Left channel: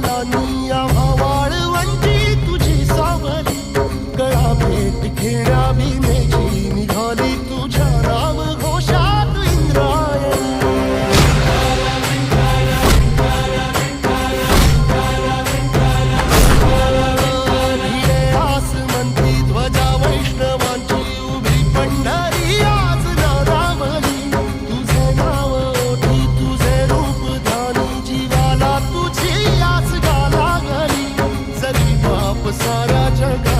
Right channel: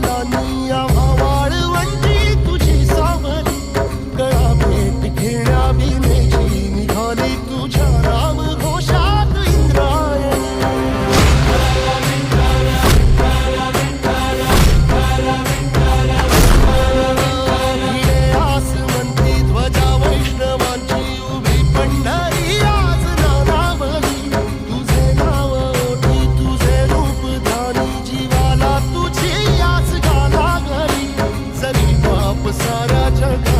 पावलांनी आम्हा वाळवंटी तुझी सावली, गळा भेट घेण्या बिनेची निघाली तुझ्या नाम घोषात इंद्रायणी. भिडे आसमंती ध्वजा वैष्णवांची उभी पंढरी आज नानावली, तुझे नाव ओठी तुझे रूप ध्यानी जीवाला तुझी आस गा लागली. जरी बाप साऱ्या जगा